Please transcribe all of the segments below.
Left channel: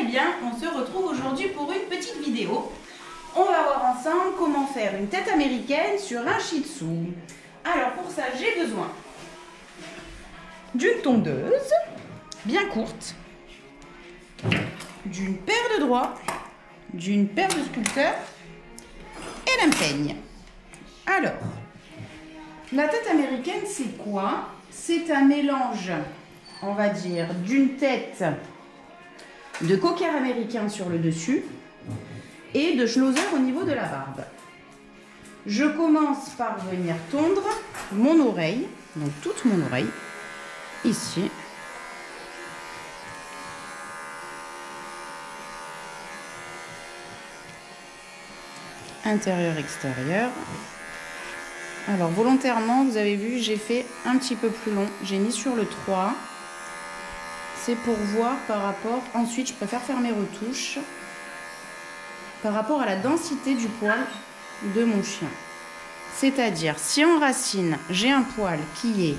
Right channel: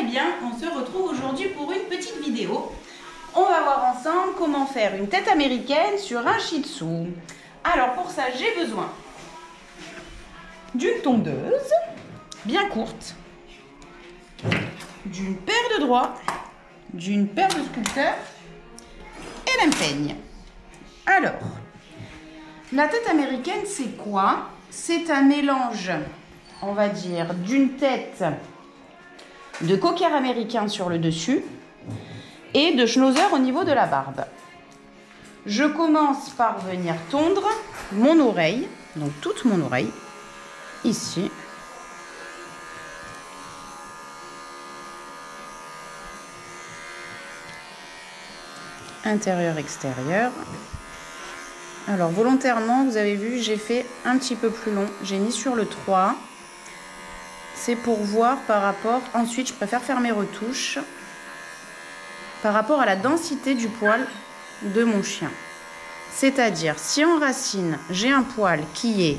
Eh bien, on se retrouve aujourd'hui pour une petite vidéo. On va voir ensemble comment faire une tête américaine sur un Shih Tzu. Alors pour ça, j'ai besoin d'une tondeuse bien courte, d'une paire de doigts, d'une paire de sculpteurs et d'un peigne. Alors, la tête américaine, c'est quoi? C'est un mélange, on va dire, d'une tête de cocker américain sur le dessus et de schnauzer au niveau de la barbe. Je commence par venir tondre mon oreille, donc toute mon oreille, ici. Intérieur, extérieur. Alors volontairement, vous avez vu, j'ai fait un petit peu plus long. J'ai mis sur le 3. C'est pour voir par rapport... Ensuite, je préfère faire mes retouches par rapport à la densité du poil de mon chien. C'est-à-dire, si en racine, j'ai un poil qui est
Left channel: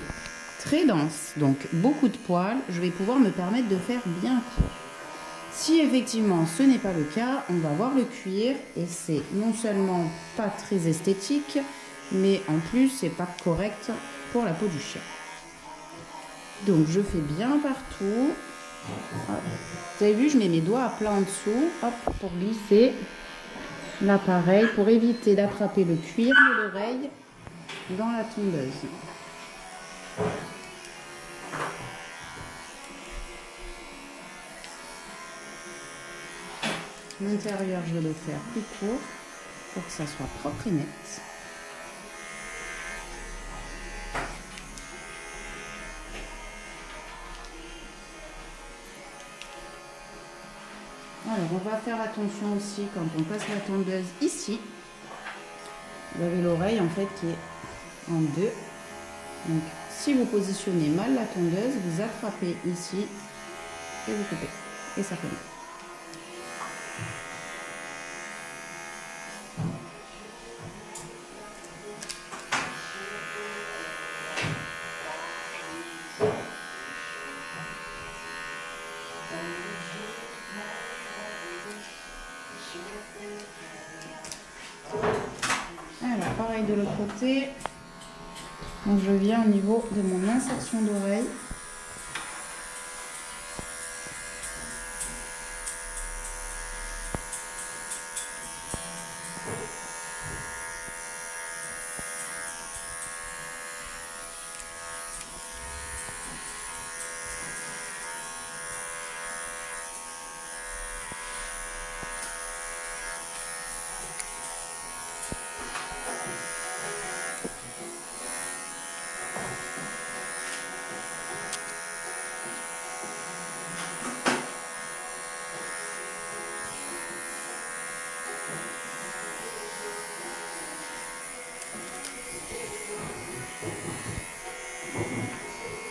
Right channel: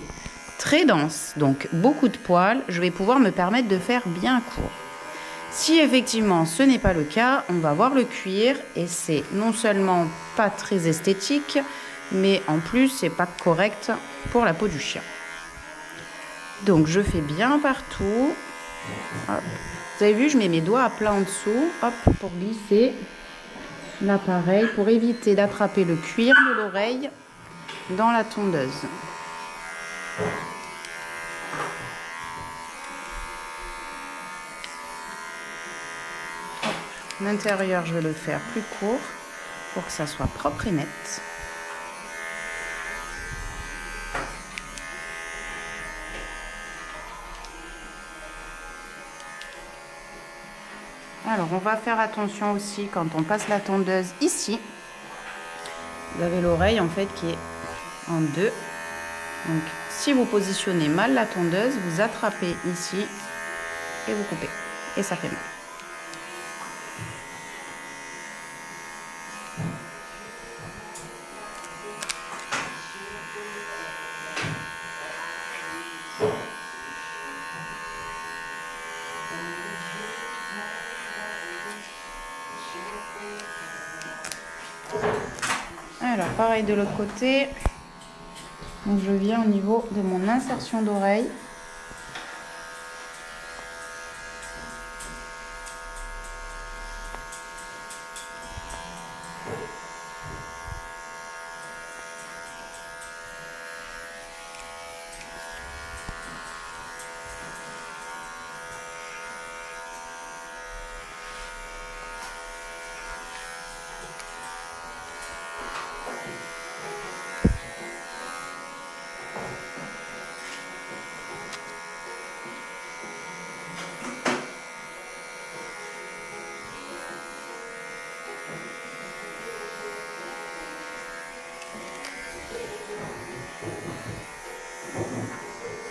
très dense, donc beaucoup de poils, je vais pouvoir me permettre de faire bien court. Si effectivement ce n'est pas le cas, on va voir le cuir et c'est non seulement pas très esthétique, mais en plus c'est pas correct pour la peau du chien. Donc je fais bien partout. Hop. Vous avez vu, je mets mes doigts à plat en dessous, hop, pour glisser l'appareil, pour éviter d'attraper le cuir de l'oreille dans la tondeuse. L'intérieur, je vais le faire plus court pour que ça soit propre et net. Alors, on va faire attention aussi quand on passe la tondeuse ici. Vous avez l'oreille en fait qui est en deux. Donc, si vous positionnez mal la tondeuse, vous attrapez ici et vous coupez. Et ça fait mal. Alors, pareil de l'autre côté. Donc, je viens au niveau de mon insertion d'oreille.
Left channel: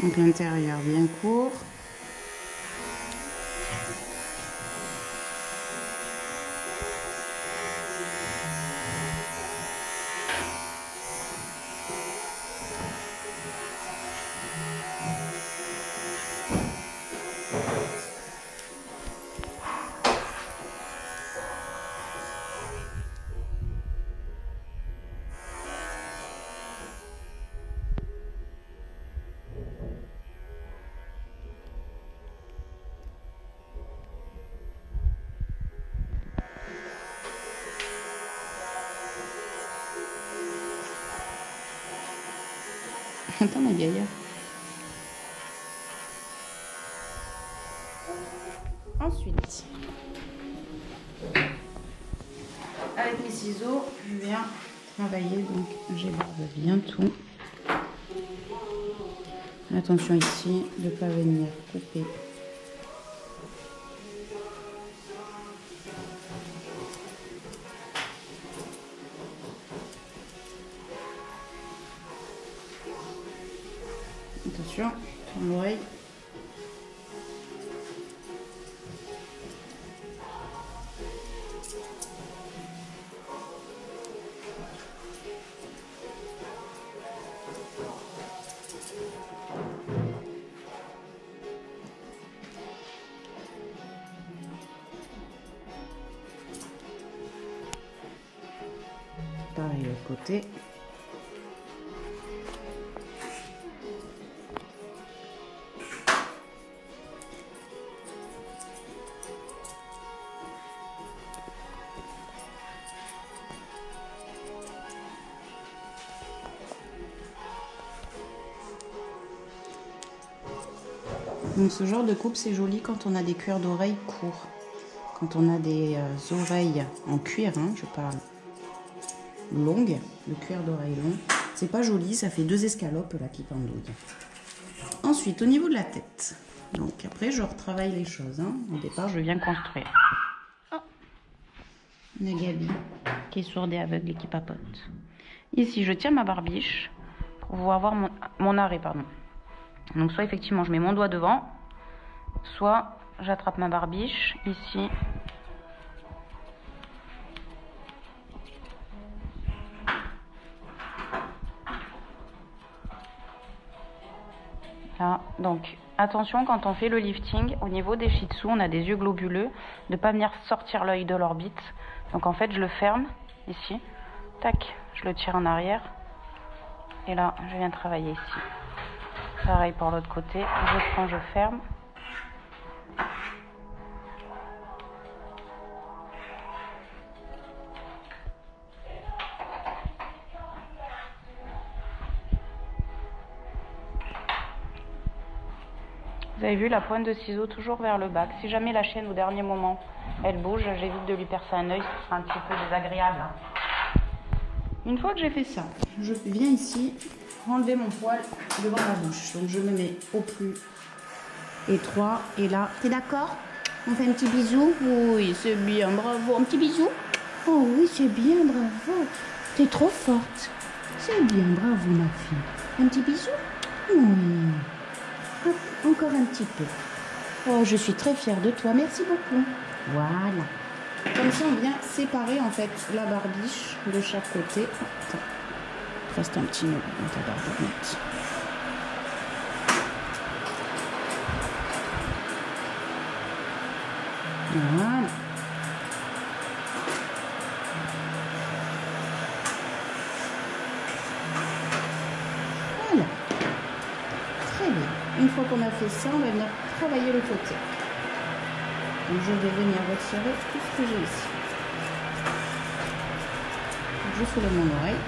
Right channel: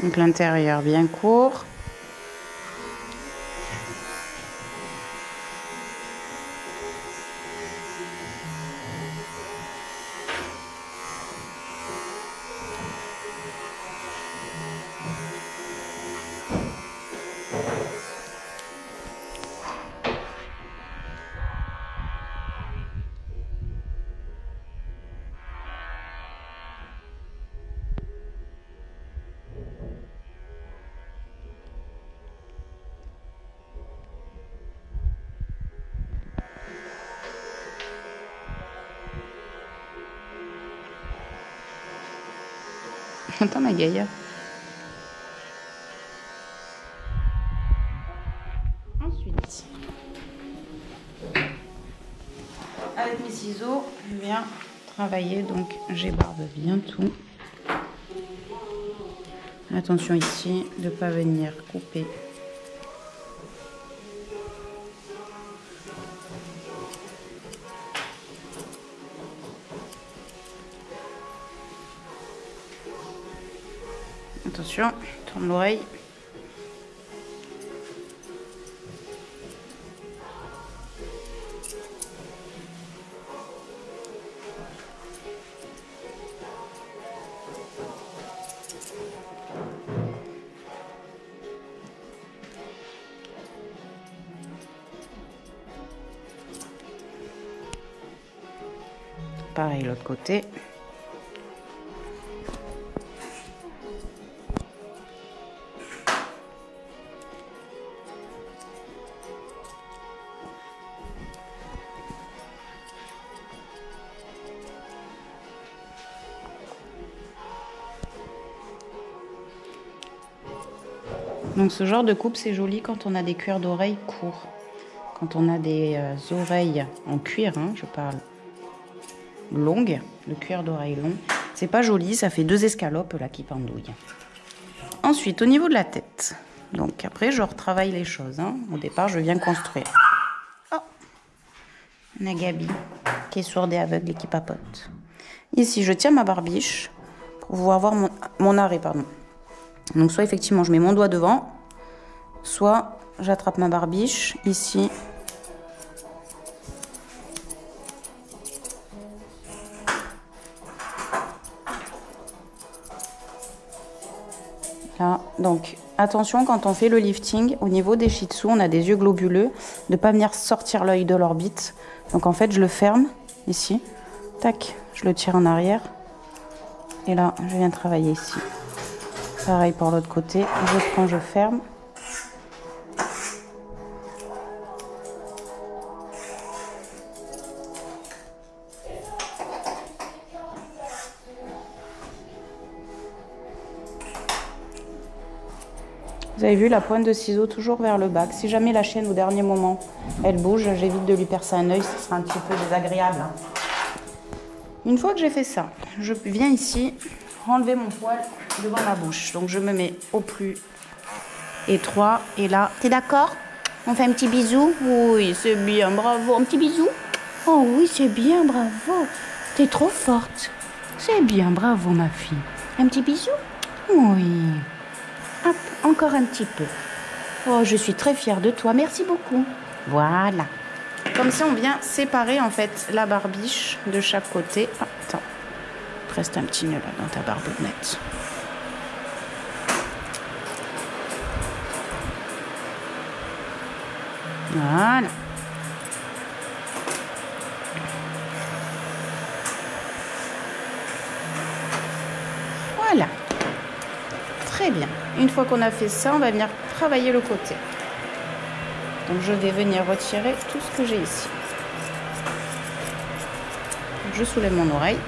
Donc l'intérieur bien court. Attends ma gaillard. Ensuite, avec mes ciseaux, je viens travailler, donc j'ébarbe bien tout. Attention ici de ne pas venir couper. Attention, tourne l'oreille. Pareil l'autre côté. Donc ce genre de coupe, c'est joli quand on a des cuirs d'oreilles courts. Quand on a des oreilles en cuir, hein, je parle longues, le cuir d'oreille long, c'est pas joli, ça fait 2 escalopes là qui pendouillent. Ensuite, au niveau de la tête, donc après je retravaille les choses. Hein. Au départ, je viens construire. Oh, on a Gabi qui est sourde et aveugle et qui papote. Ici, je tiens ma barbiche pour pouvoir voir mon arrêt, pardon. Donc soit effectivement je mets mon doigt devant, soit j'attrape ma barbiche ici. Là, donc attention quand on fait le lifting, au niveau des shih tzus, on a des yeux globuleux, de ne pas venir sortir l'œil de l'orbite. Donc en fait je le ferme ici, tac, je le tire en arrière et là je viens travailler ici. Pareil pour l'autre côté, je prends, je ferme. Vous avez vu la pointe de ciseau toujours vers le bas. Si jamais la chienne au dernier moment elle bouge, j'évite de lui percer un œil, ce sera un petit peu désagréable. Une fois que j'ai fait ça, je viens ici enlever mon poil devant ma bouche. Donc je me mets au plus étroit et là. T'es d'accord? On fait un petit bisou? Oui, c'est bien, bravo. Un petit bisou? Oh oui, c'est bien, bravo. T'es trop forte. C'est bien, bravo ma fille. Un petit bisou? Oui. Hop, encore un petit peu. Oh, je suis très fière de toi, merci beaucoup. Voilà. Comme ça, on vient séparer en fait la barbiche de chaque côté. Oh, attends, il reste un petit nœud là dans ta barbonnette. Voilà. Voilà. Très bien. Une fois qu'on a fait ça, on va venir travailler le côté. Donc je vais venir retirer tout ce que j'ai ici. Donc, je soulève mon oreille.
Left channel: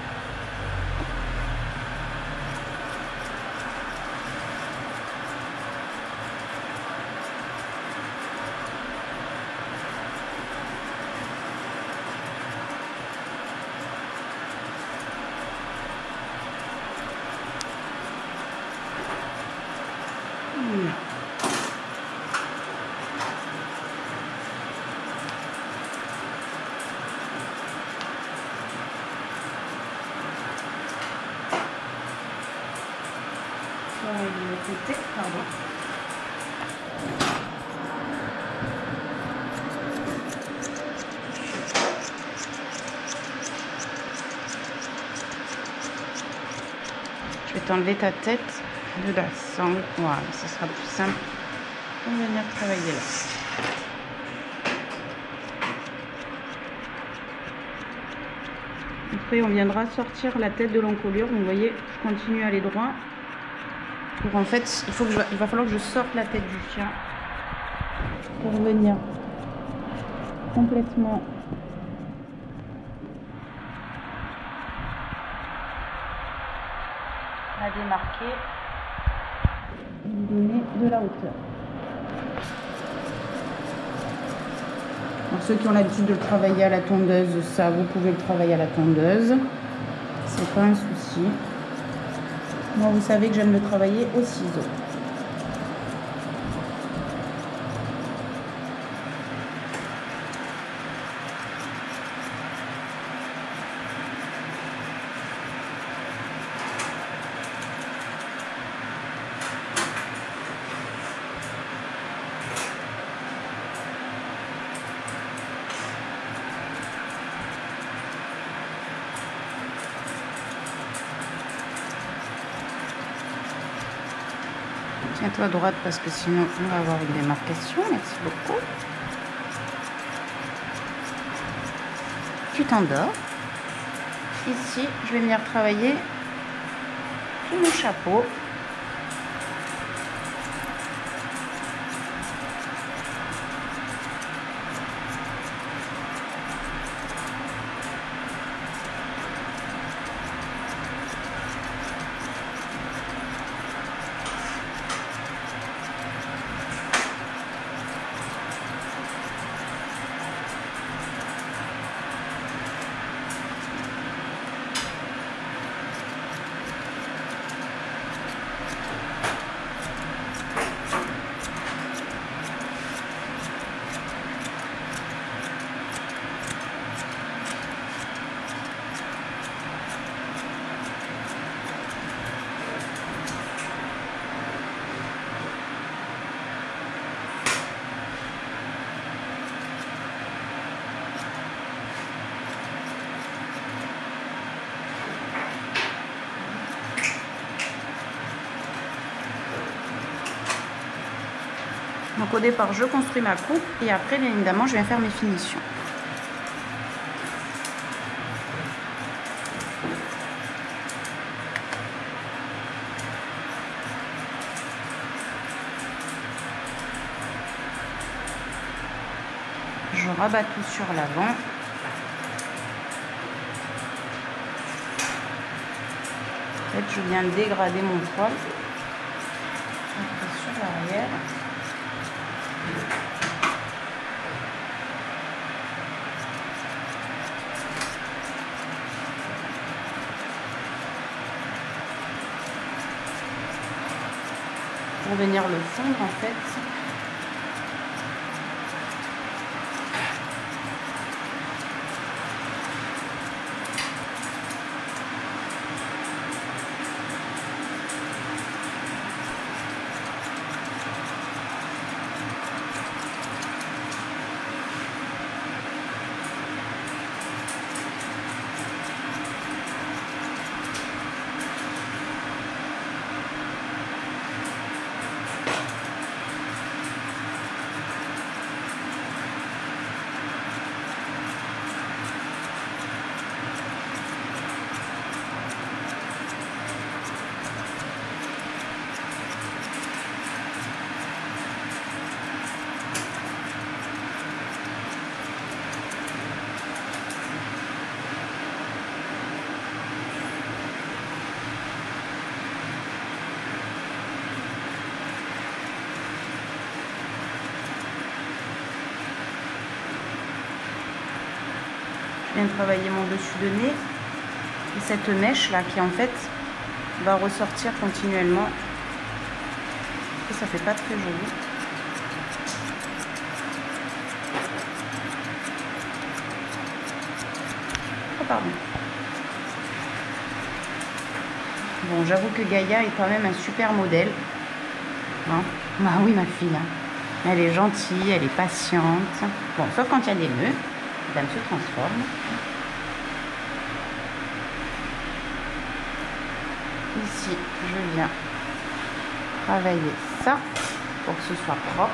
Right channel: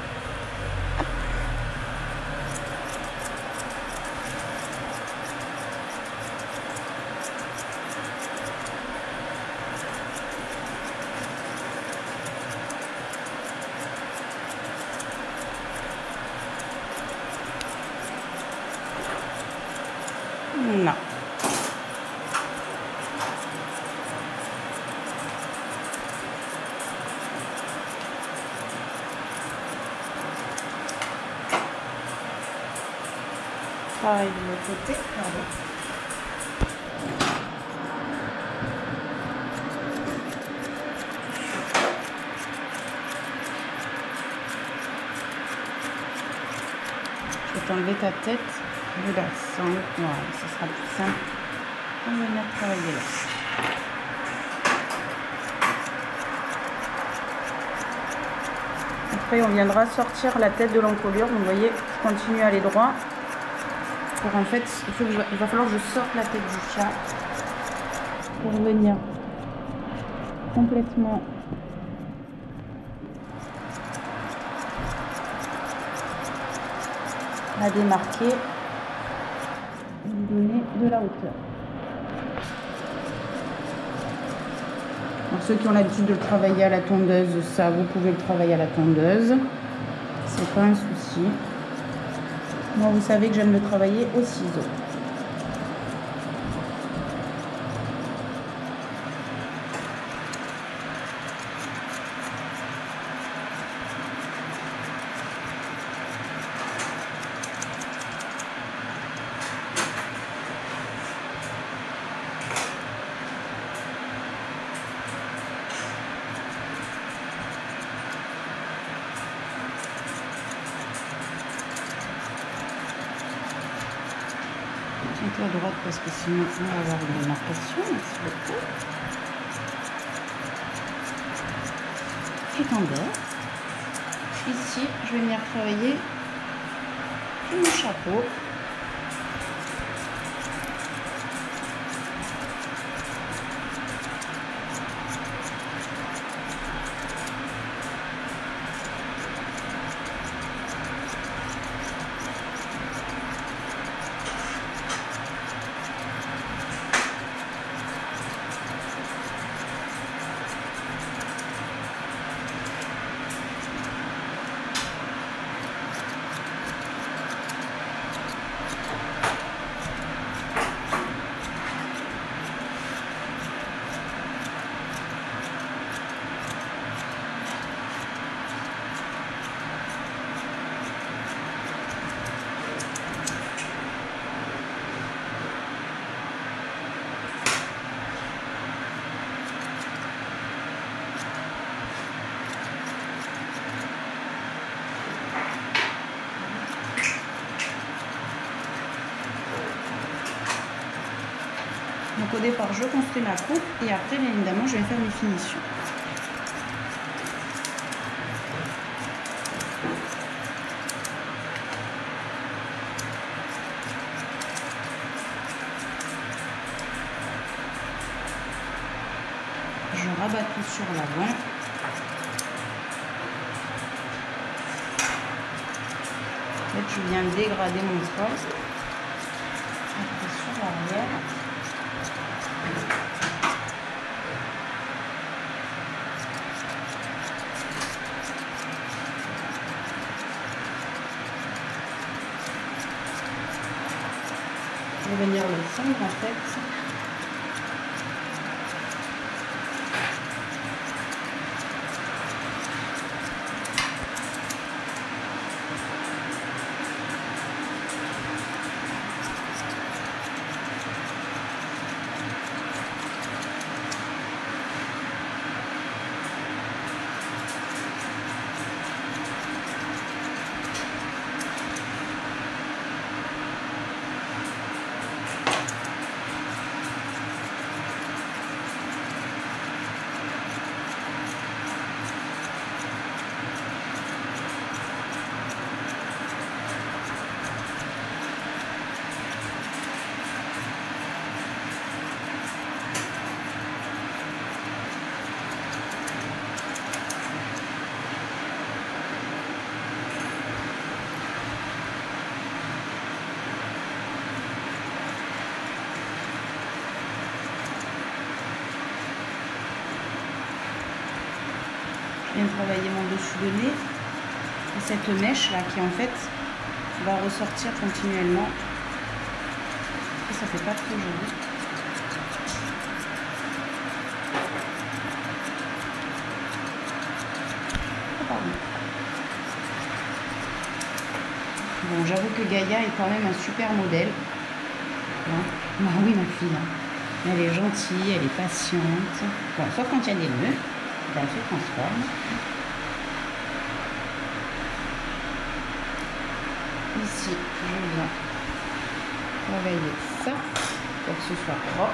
Non. Pareil de l'autre côté, pardon. Je vais t'enlever ta tête de la sangle. Voilà, ce sera plus simple. On va venir travailler là. Après, on viendra sortir la tête de l'encolure. Donc, vous voyez, je continue à aller droit. Pour en fait, il va falloir que je sorte la tête du chien pour venir complètement la démarquer et lui donner de la hauteur. Alors ceux qui ont l'habitude de le travailler à la tondeuse, ça vous pouvez le travailler à la tondeuse, c'est pas un souci. Moi, vous savez que j'aime le travailler au ciseau. Tiens-toi à droite parce que sinon on va avoir une démarcation. Merci beaucoup. Tu t'endors. ici, je vais venir travailler sur mon chapeau. Donc au départ, je construis ma coupe et après, bien évidemment, je vais faire mes finitions. Je rabats tout sur l'avant. En fait, je viens dégrader mon poil. Après sur l'arrière. Pour venir le fondre en fait. Je viens de travailler mon dessus de nez et cette mèche là qui en fait va ressortir continuellement et ça fait pas très joli. Oh, pardon. Bon, j'avoue que Gaïa est quand même un super modèle. Hein? Ah oui, ma fille, elle est gentille, elle est patiente. Bon, sauf quand il y a des nœuds. Madame se transforme. Ici, je viens travailler ça pour que ce soit propre.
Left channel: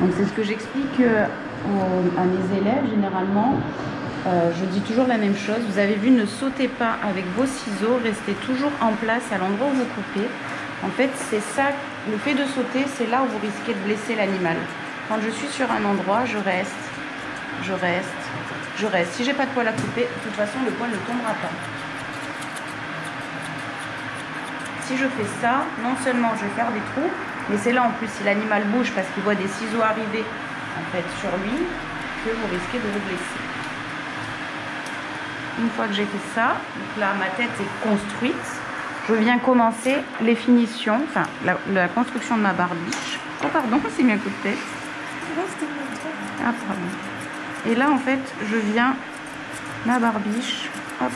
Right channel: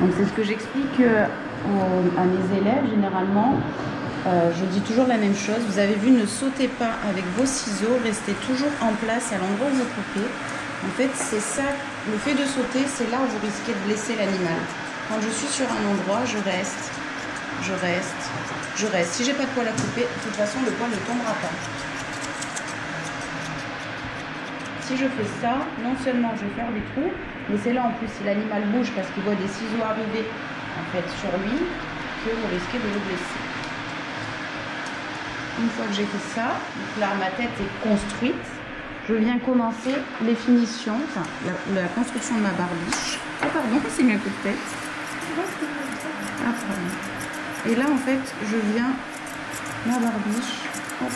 Donc c'est ce que j'explique à mes élèves généralement. Je dis toujours la même chose. Vous avez vu, ne sautez pas avec vos ciseaux, restez toujours en place à l'endroit où vous coupez. En fait, c'est ça, le fait de sauter, c'est là où vous risquez de blesser l'animal. Quand je suis sur un endroit, je reste, je reste, je reste. Si j'ai pas de poil à couper, de toute façon, le poil ne tombera pas. Si je fais ça, non seulement je vais faire des trous, mais c'est là en plus si l'animal bouge parce qu'il voit des ciseaux arriver en fait sur lui que vous risquez de le blesser. Une fois que j'ai fait ça, donc là ma tête est construite, je viens commencer les finitions, enfin la construction de ma barbiche. Oh pardon, c'est mis un coup de tête. Ah pardon. Et là en fait je viens ma barbiche, hop,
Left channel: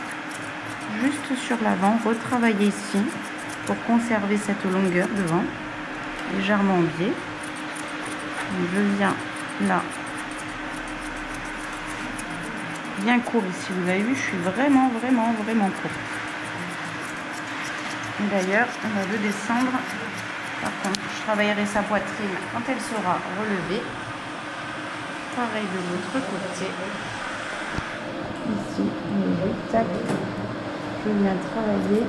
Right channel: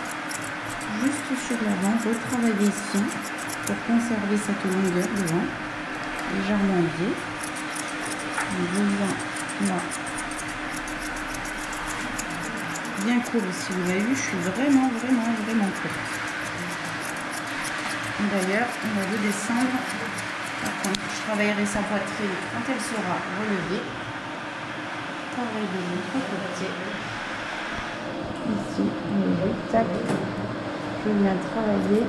juste sur l'avant, retravailler ici pour conserver cette longueur devant, légèrement biais. Donc, je viens là. Bien court ici, vous avez vu, je suis vraiment courte. D'ailleurs, on va le descendre. Par contre, je travaillerai sa poitrine quand elle sera relevée. Pareil de l'autre côté. Ici, tac, je viens travailler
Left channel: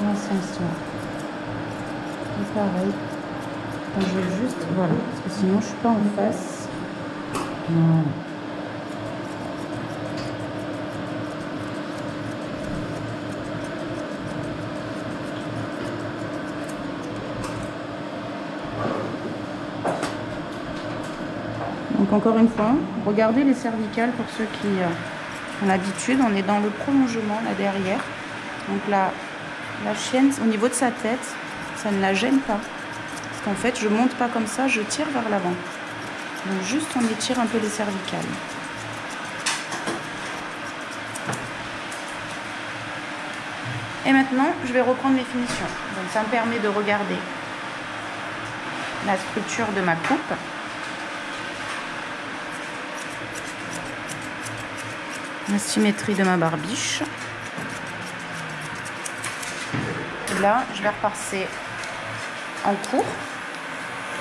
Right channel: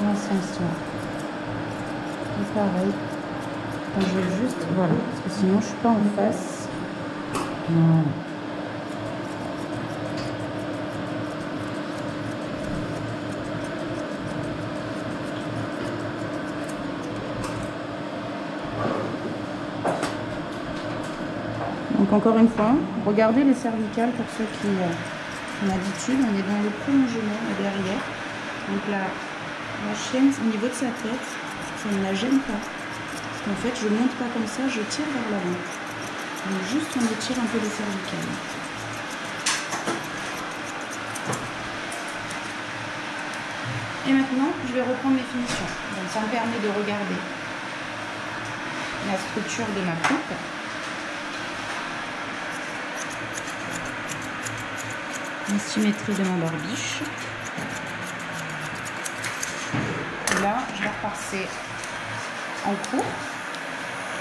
dans ce sens-là. Et pareil, quand je vais juste, voilà, parce que sinon je suis pas en face. Voilà. Donc encore une fois, regardez les cervicales pour ceux qui ont l'habitude. On est dans le prolongement là derrière. Donc la chienne, au niveau de sa tête, ça ne la gêne pas. Parce qu'en fait, je monte pas comme ça, je tire vers l'avant. Donc juste on étire un peu les cervicales. Et maintenant, je vais reprendre mes finitions. Donc ça me permet de regarder la structure de ma coupe. La symétrie de ma barbiche. Et là, je vais repasser en cours.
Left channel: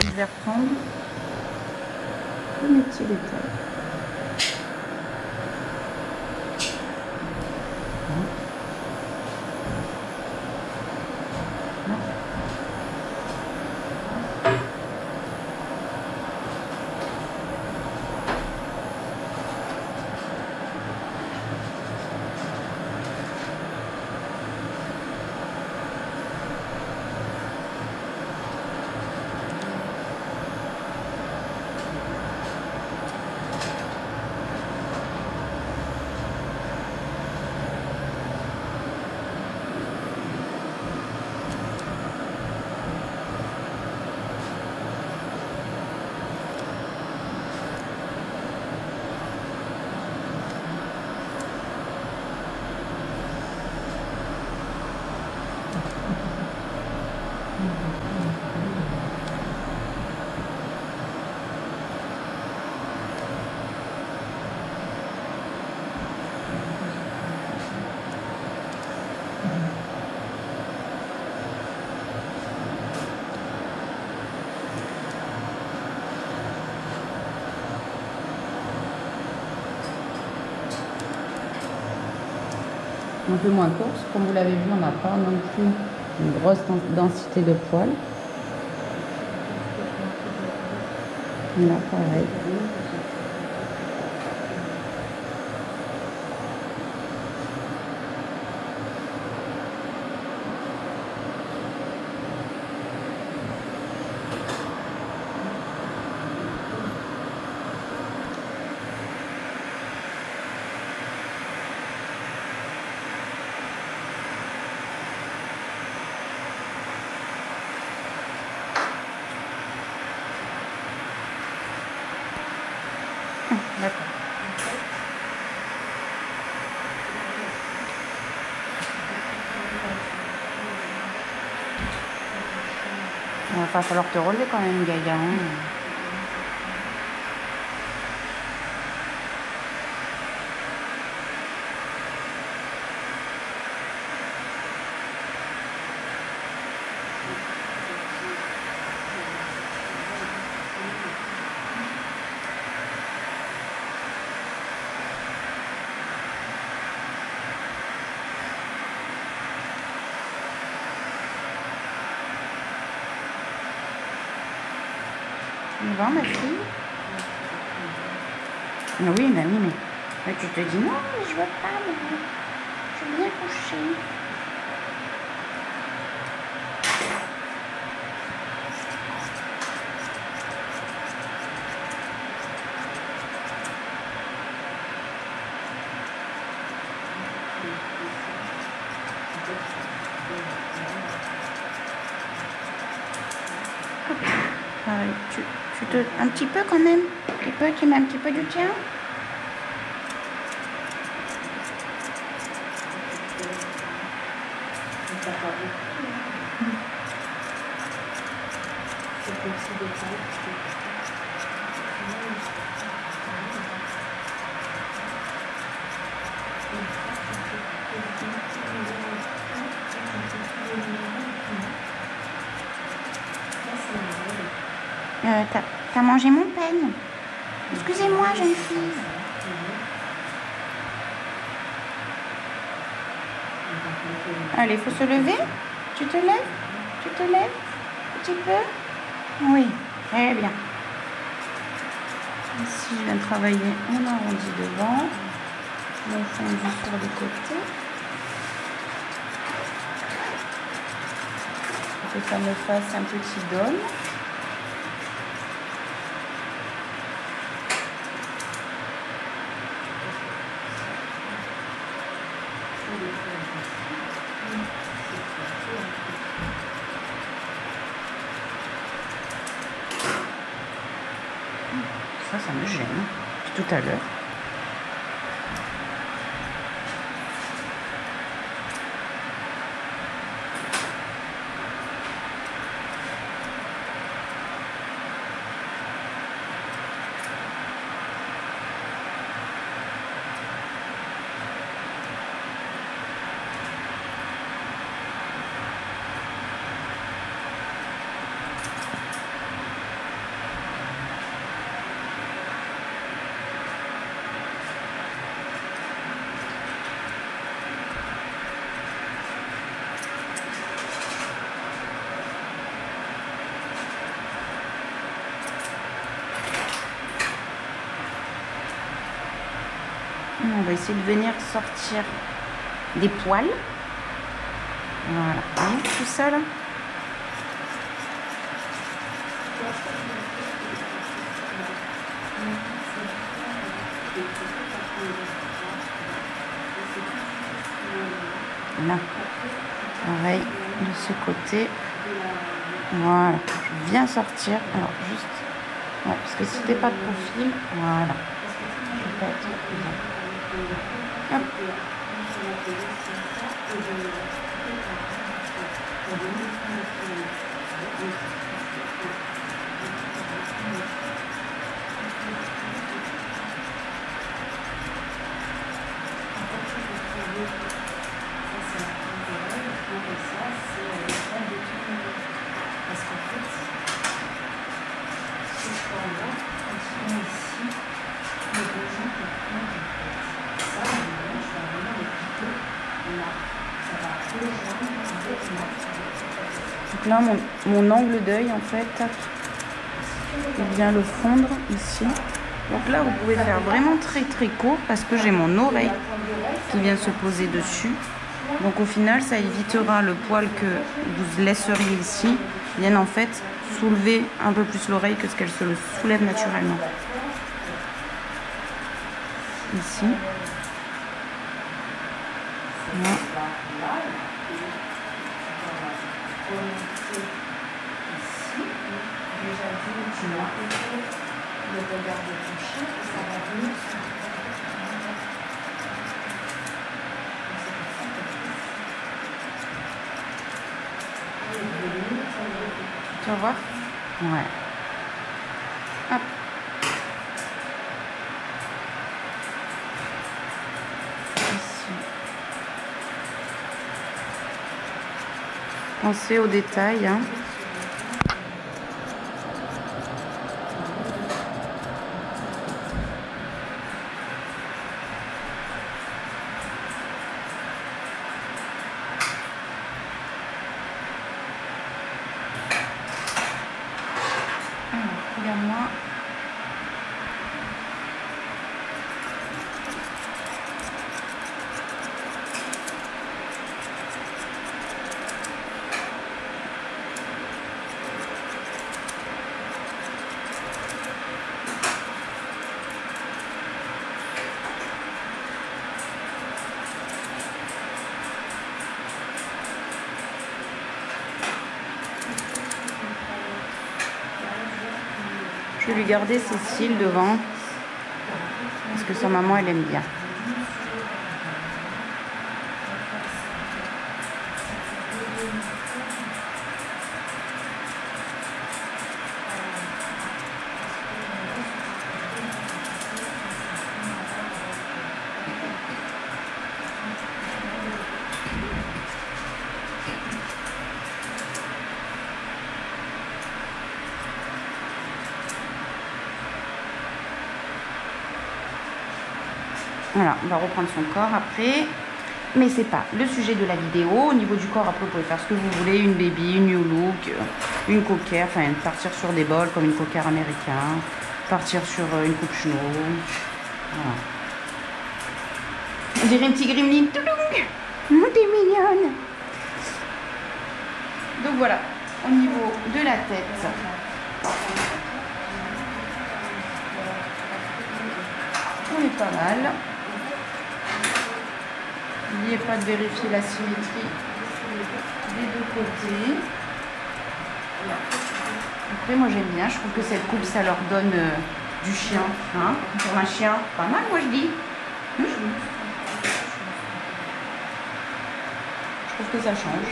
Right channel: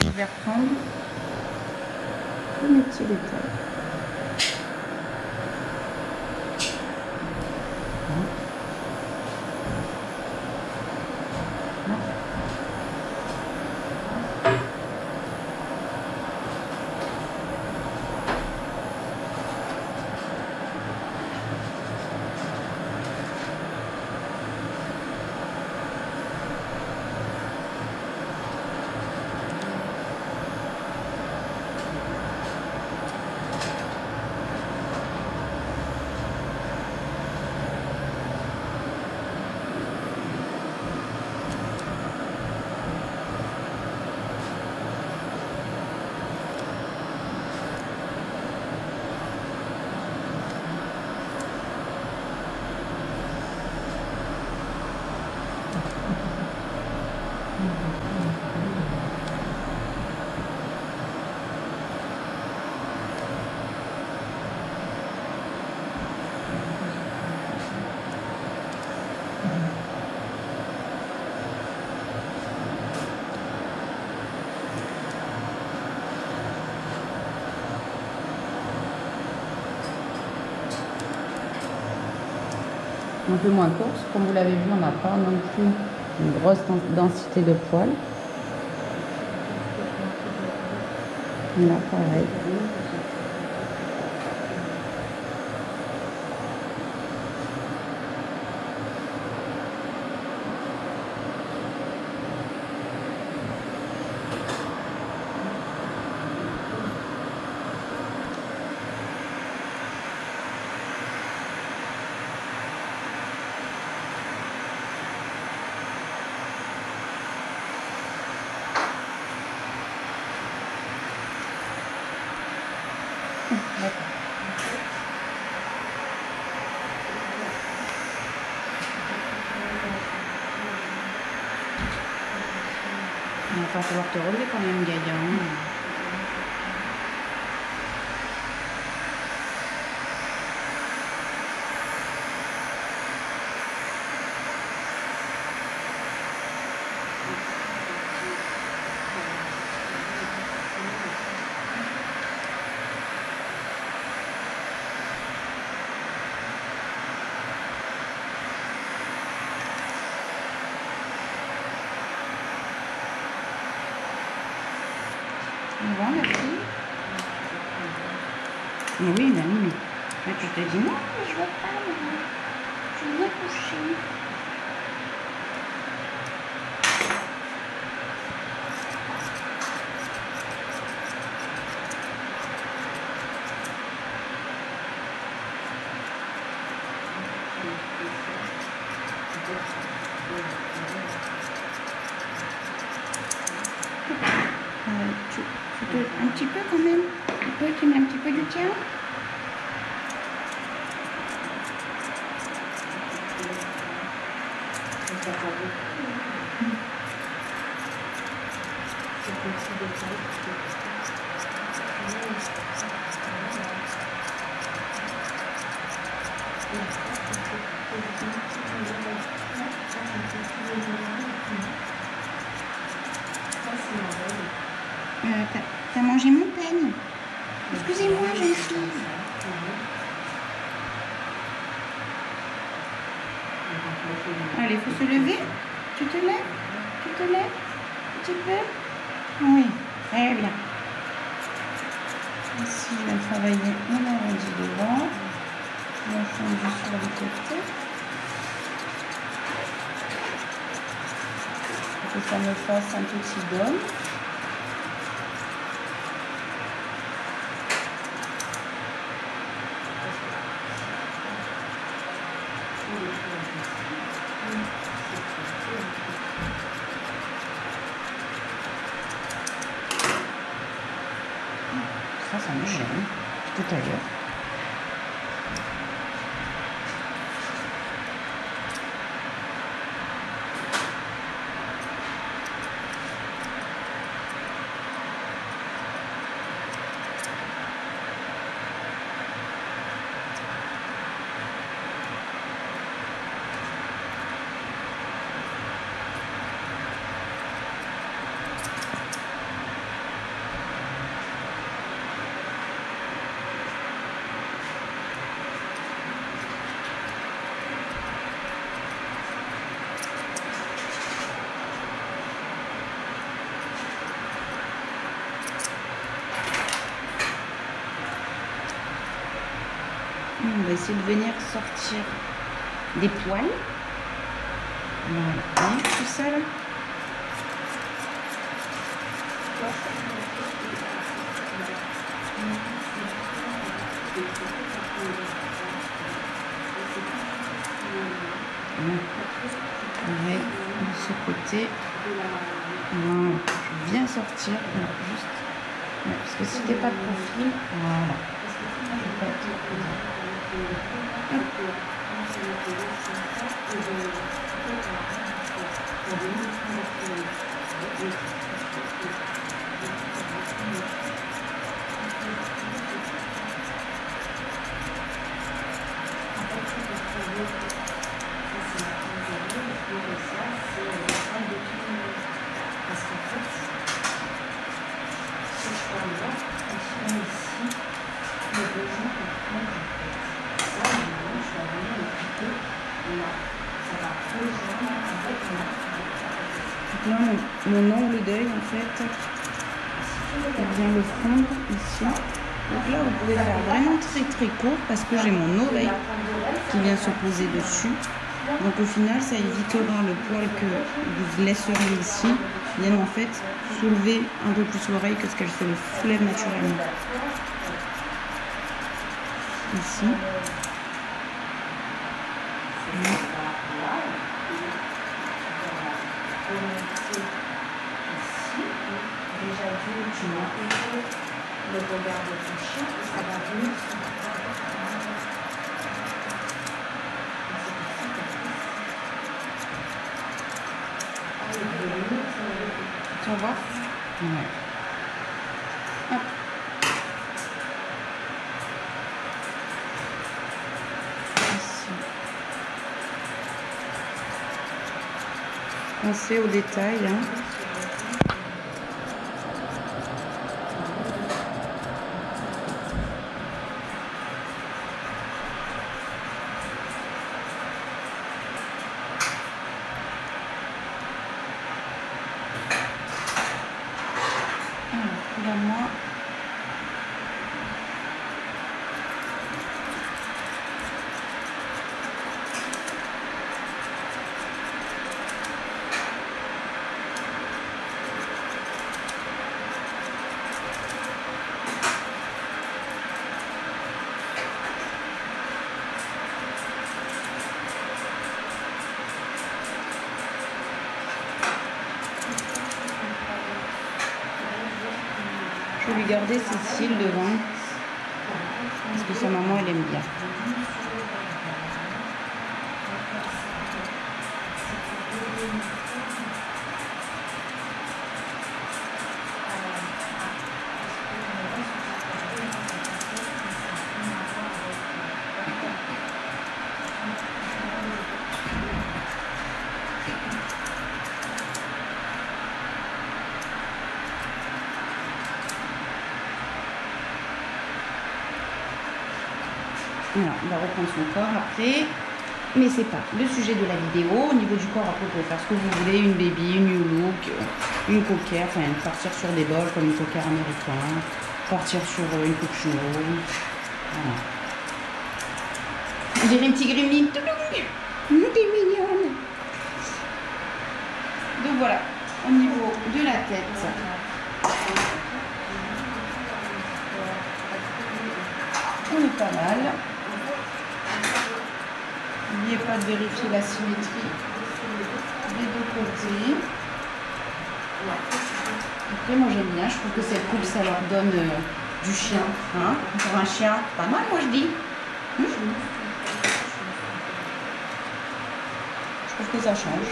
Et je vais reprendre tous mes petits détails. Un peu moins courte, comme vous l'avez vu, on n'a pas non plus une grosse densité de poils. Là, pareil. D'accord. Il va falloir te relever quand même, Gaïa. On va, ma fille? Ah oui, Mamie, mais tu te dis non, mais je veux pas, maman. Je veux bien coucher. Un petit peu quand même. Tu peux qu'il met un petit peu du tien. T'as mangé mon peigne. Excusez-moi, jeune fille. Allez, faut se lever. Tu te lèves? Tu te lèves? Un petit peu? Oui, très bien. Ici, je vais travailler mon arrondi devant, mon fondu sur le côté. Pour que ça me fasse un petit dôme. Ça me gêne, tout à l'heure. On va essayer de venir sortir des poils. Voilà, hein, tout ça là. Là, pareil de ce côté. Voilà, je viens sortir. Alors juste, ouais, parce que si t'es pas de profil, voilà. Je vais être hop. Donc là, mon angle d'œil, en fait, il vient le fondre ici. Donc là, vous pouvez faire vraiment très très court parce que j'ai mon oreille qui vient se poser dessus. Donc au final, ça évitera le poil que vous laisseriez ici vienne en fait soulever un peu plus l'oreille que ce qu'elle se le soulève naturellement. Ici. Voilà. Tu vas voir? Ouais. Hop. Ici. Pensez aux détails, hein. Regarde-moi. Je vais lui garder ses cils devant parce que sa maman elle aime bien. Voilà, on va reprendre son corps après. Mais c'est pas le sujet de la vidéo. Au niveau du corps, après, vous pouvez faire ce que vous voulez. Une baby, une new look, une coquère. Enfin, partir sur des bols comme une coquère américain. Partir sur une coupe chino. Voilà. On dirait un petit gremlin. T'es mignonne. Donc voilà, au niveau de la tête. On est pas mal. N'oubliez pas de vérifier la symétrie des deux côtés. Après, moi j'aime bien, je trouve que cette coupe ça leur donne du chien. Hein, pour un chien, pas mal, moi je dis. Je trouve que ça change.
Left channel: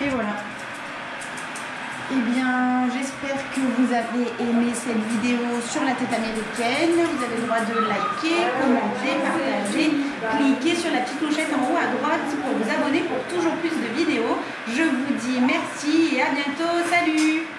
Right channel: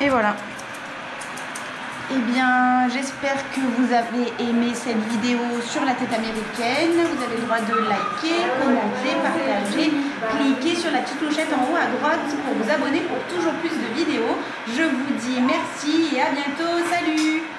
Et voilà. Eh bien, j'espère que vous avez aimé cette vidéo sur la tête américaine. Vous avez le droit de liker, commenter, partager, cliquer sur la petite clochette en haut à droite pour vous abonner pour toujours plus de vidéos. Je vous dis merci et à bientôt. Salut!